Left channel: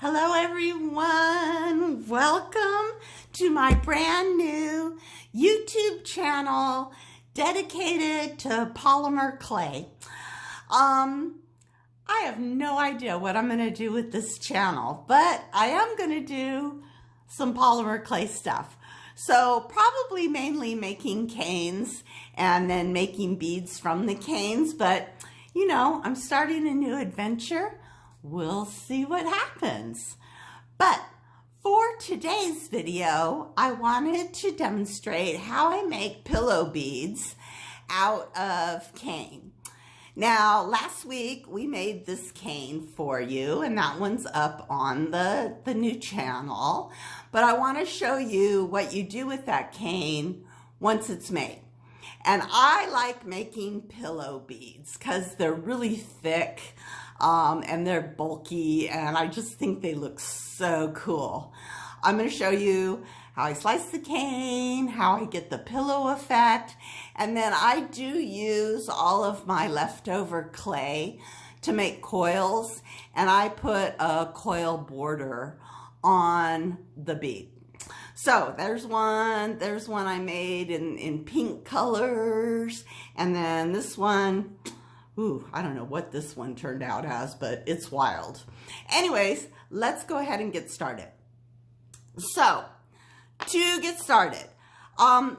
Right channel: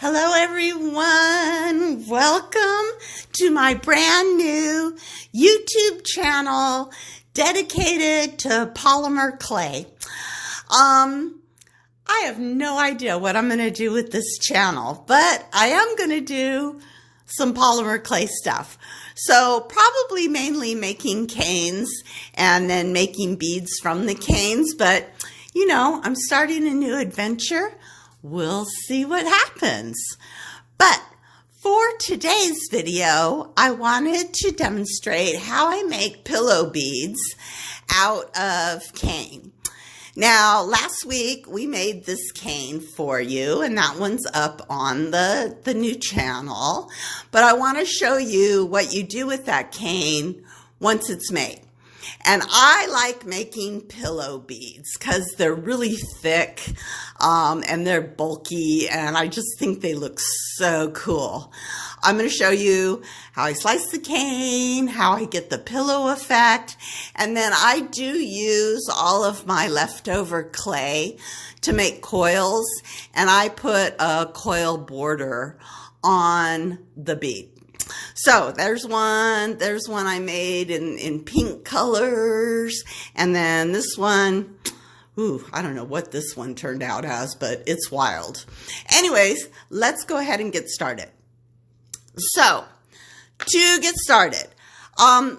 Hello everyone, welcome to my brand new YouTube channel dedicated to polymer clay. I have no idea what I'm going to do with this channel, but I am going to do some polymer clay stuff. So probably mainly making canes and then making beads from the canes, but you know, I'm starting a new adventure. We'll see what happens. But for today's video, I wanted to demonstrate how I make pillow beads out of cane. Now, last week we made this cane for you, and that one's up on the new channel. But I want to show you what you do with that cane once it's made. And I like making pillow beads because they're really thick and they're bulky, and I just think they look so cool. I'm going to show you how I slice the cane, how I get the pillow effect, and then I do use all of my leftover clay to make coils, and I put a coil border on the bead. So there's one I made in pink colors, and then this one, I don't know what this one turned out as, but it's wild. Anyways, let's go ahead and get started. So to get started,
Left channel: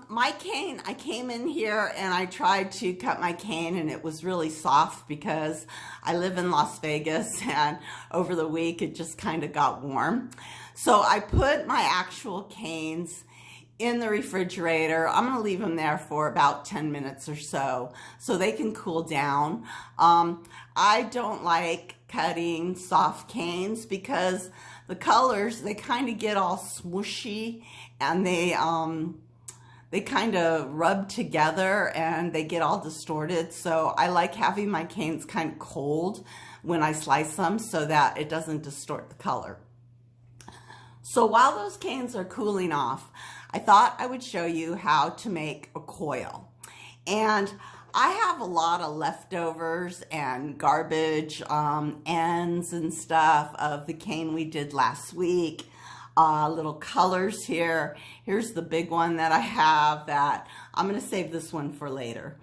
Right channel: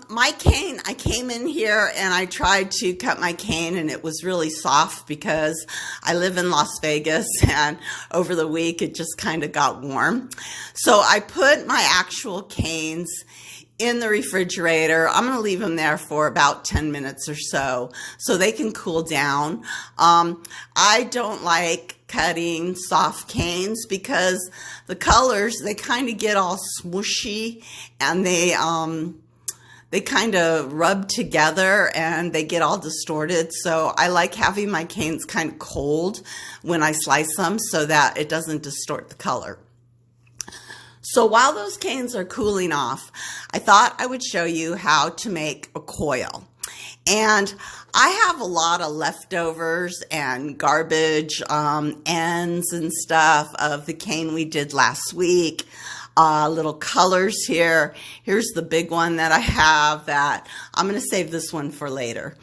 my cane, I came in here and I tried to cut my cane, and it was really soft because I live in Las Vegas and over the week it just kind of got warm. So I put my actual canes in the refrigerator. I'm going to leave them there for about 10 minutes or so they can cool down. I don't like cutting soft canes because the colors, they kind of get all smooshy and they kind of rub together and they get all distorted. So I like having my canes kind of cold when I slice them so that it doesn't distort the color. So while those canes are cooling off, I thought I would show you how to make a coil. And I have a lot of leftovers and garbage ends and stuff of the cane we did last week. Little colors here. Here's the big one that I have that I'm going to save this one for later.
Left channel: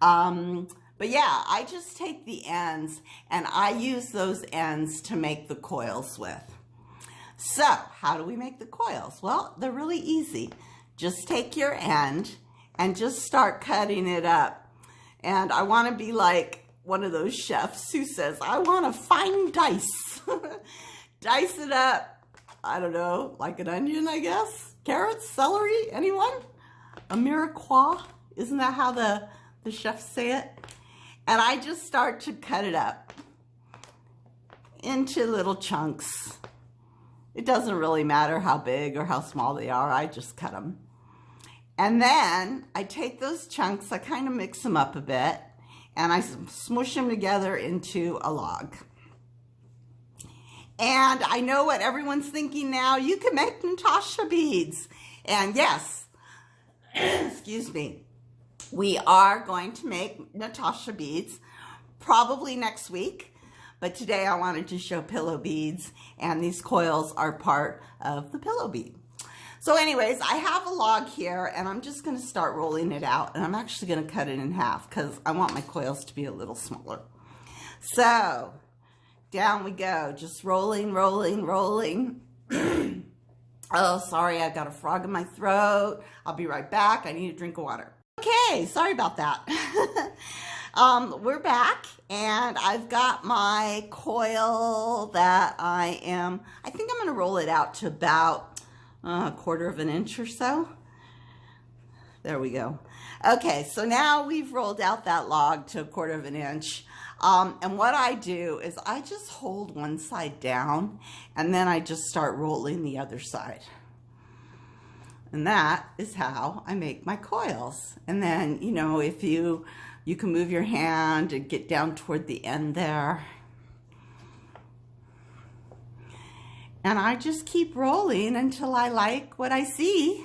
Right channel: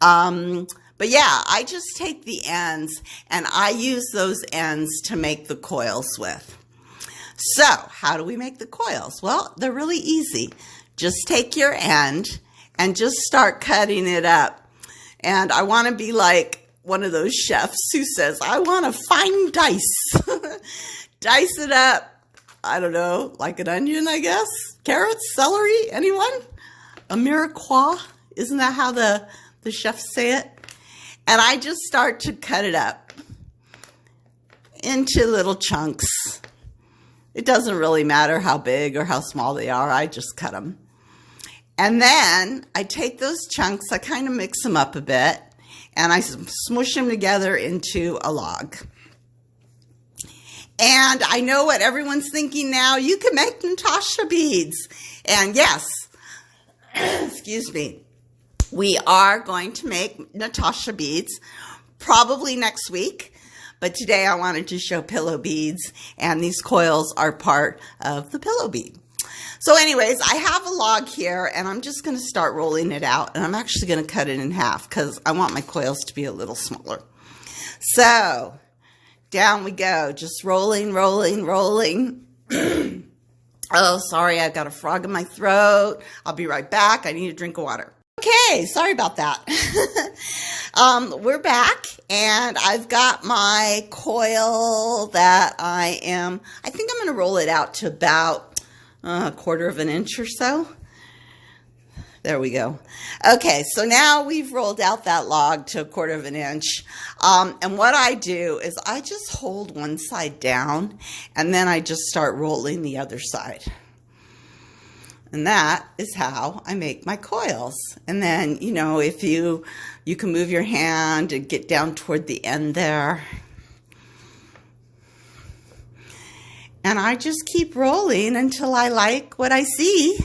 But yeah, I just take the ends and I use those ends to make the coils with. So how do we make the coils? Well, they're really easy. Just take your end and just start cutting it up. And I want to be like one of those chefs who says, I want a fine dice. Dice it up. I don't know, like an onion, I guess. Carrots, celery, anyone? A mirepoix, isn't that how the chefs say it? And I just start to cut it up into little chunks. It doesn't really matter how big or how small they are, I just cut them. And then I take those chunks, I kind of mix them up a bit, and I smush them together into a log. And I know what everyone's thinking now. You can make Natasha beads. And yes, excuse me, we are going to make Natasha beads probably next week. But today I wanted to show pillow beads, and these coils are part of the pillow bead. So anyways, I have a log here, and I'm just going to start rolling it out. And I'm actually going to cut it in half because I want my coils to be a little smaller. So down we go, just rolling, rolling, rolling. Oh, sorry, I've got a frog in my throat. I'll be right back. I need a drink of water. Okay, sorry about that. We're back, and I've got my coil that I think I'm going to roll it out to about a quarter of an inch or so. There we go. Okay, so now we've rolled out that log to a quarter of an inch. And what I do is I just hold one side down, and then I just start rolling the other side. And that is how I make my coils. And then, you know, if you can move your hand and get down toward the end there. And I just keep rolling until I like what I see.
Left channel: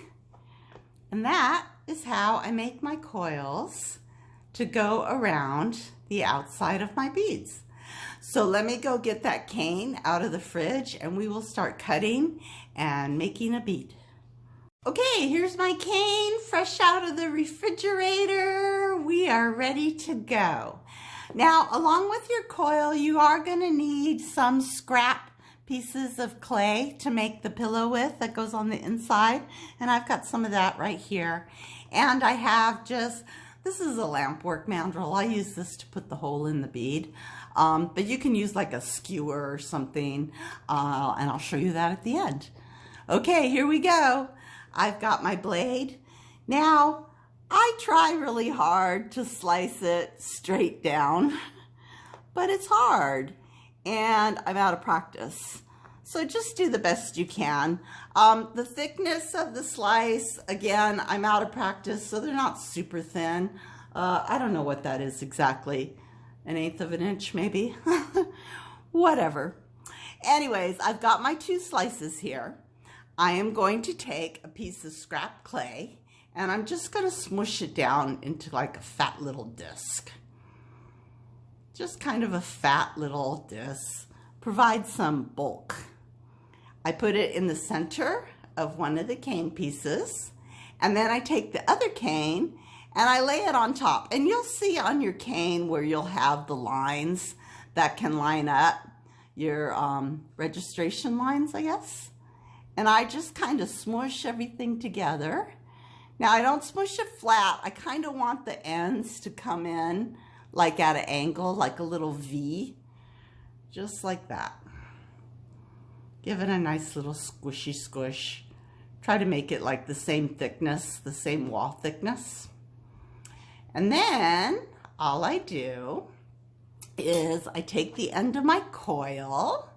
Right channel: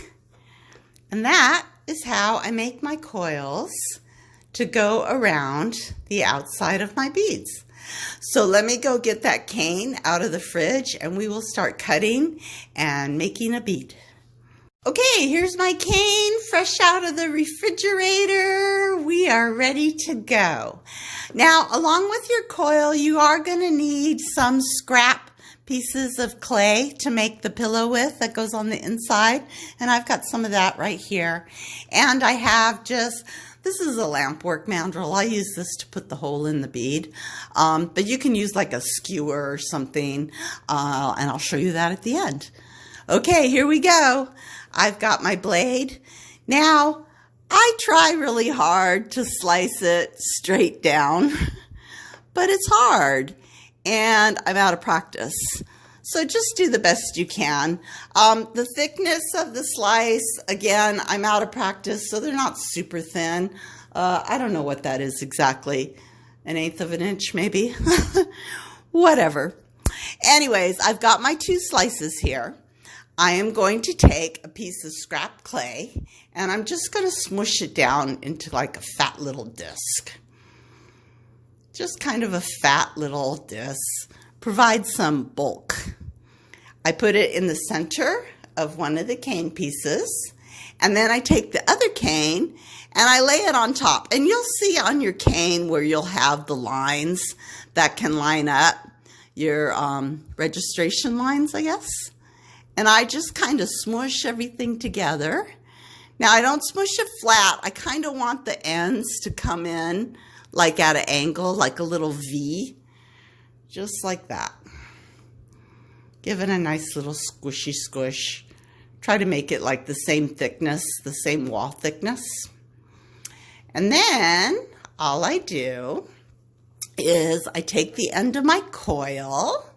And that is how I make my coils to go around the outside of my beads. So let me go get that cane out of the fridge and we will start cutting and making a bead. Okay, here's my cane fresh out of the refrigerator. We are ready to go. Now, along with your coil, you are going to need some scrap pieces of clay to make the pillow with that goes on the inside. And I've got some of that right here. And I have this is a lamp work mandrel. I use this to put the hole in the bead. But you can use like a skewer or something. And I'll show you that at the end. Okay, here we go. I've got my blade. Now, I try really hard to slice it straight down, but it's hard and I'm out of practice. So just do the best you can. The thickness of the slice, again, I'm out of practice, so they're not super thin. I don't know what that is exactly. 1/8 of an inch maybe. Whatever. Anyways, I've got my 2 slices here. I am going to take a piece of scrap clay and I'm just going to smush it down into like a fat little disc. Just kind of a fat little disc. Provide some bulk. I put it in the center of one of the cane pieces and then I take the other cane and I lay it on top. And you'll see on your cane where you'll have the lines that can line up your registration lines, I guess. And I just kind of smush everything together. Now, I don't smush it flat. I kind of want the ends to come in like at an angle, like a little V, just like that. Give it a nice little squishy squish. Try to make it like the same thickness, the same wall thickness. And then all I do is I take the end of my coil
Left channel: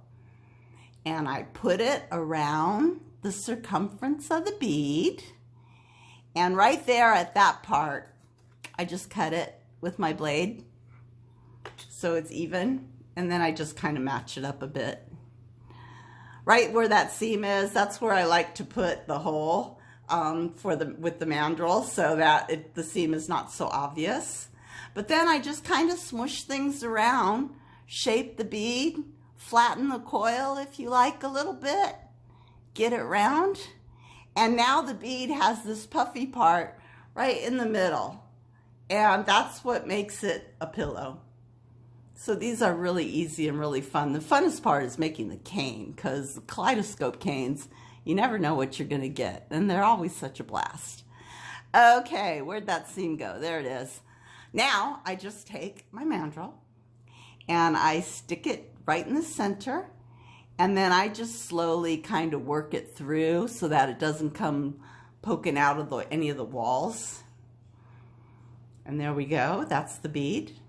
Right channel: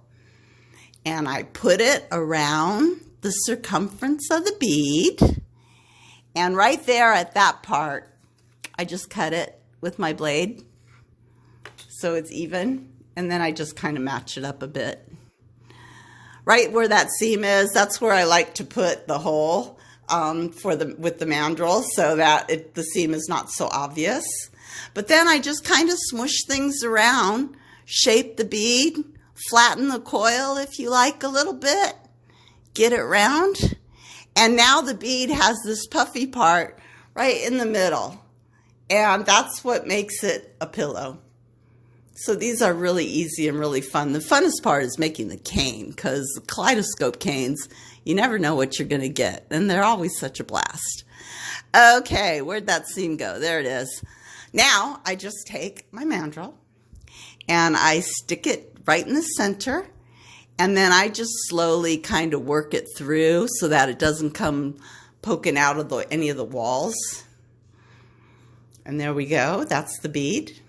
and I put it around the circumference of the bead. And right there at that part, I just cut it with my blade so it's even. And then I just kind of match it up a bit. Right where that seam is, that's where I like to put the hole with the mandrel so that the seam is not so obvious. But then I just kind of smush things around, shape the bead, flatten the coil if you like a little bit, get it round, and now the bead has this puffy part right in the middle, and that's what makes it a pillow. So these are really easy and really fun. The funnest part is making the cane, because the kaleidoscope canes, you never know what you're going to get, and they're always such a blast. Okay, where'd that seam go? There it is. Now I just take my mandrel and I stick it right in the center, and then I just slowly kind of work it through so that it doesn't come poking out of any of the walls. And there we go, that's the bead.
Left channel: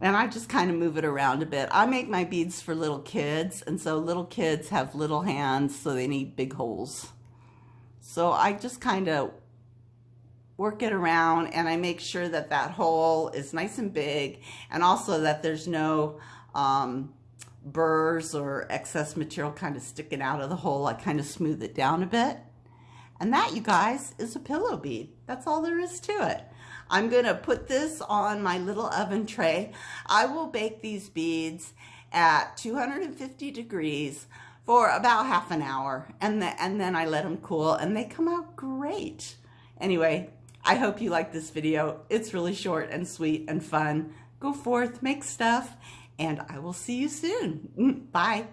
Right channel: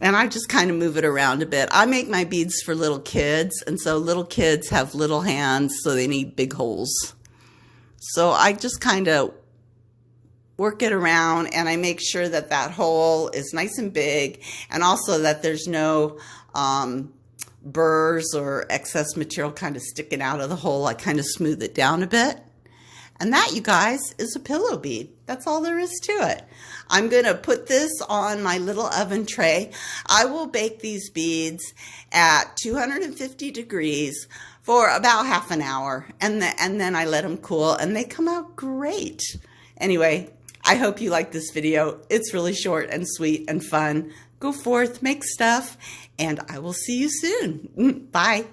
And I just kind of move it around a bit. I make my beads for little kids, and so little kids have little hands, so they need big holes. So I just kind of work it around, and I make sure that that hole is nice and big, and also that there's no burrs or excess material kind of sticking out of the hole. I kind of smooth it down a bit. And that, you guys, is a pillow bead. That's all there is to it. I'm going to put this on my little oven tray. I will bake these beads at 250 degrees for about half an hour, and then I let them cool, and they come out great. Anyway, I hope you like this video. It's really short and sweet and fun. Go forth, make stuff, and I will see you soon. Bye.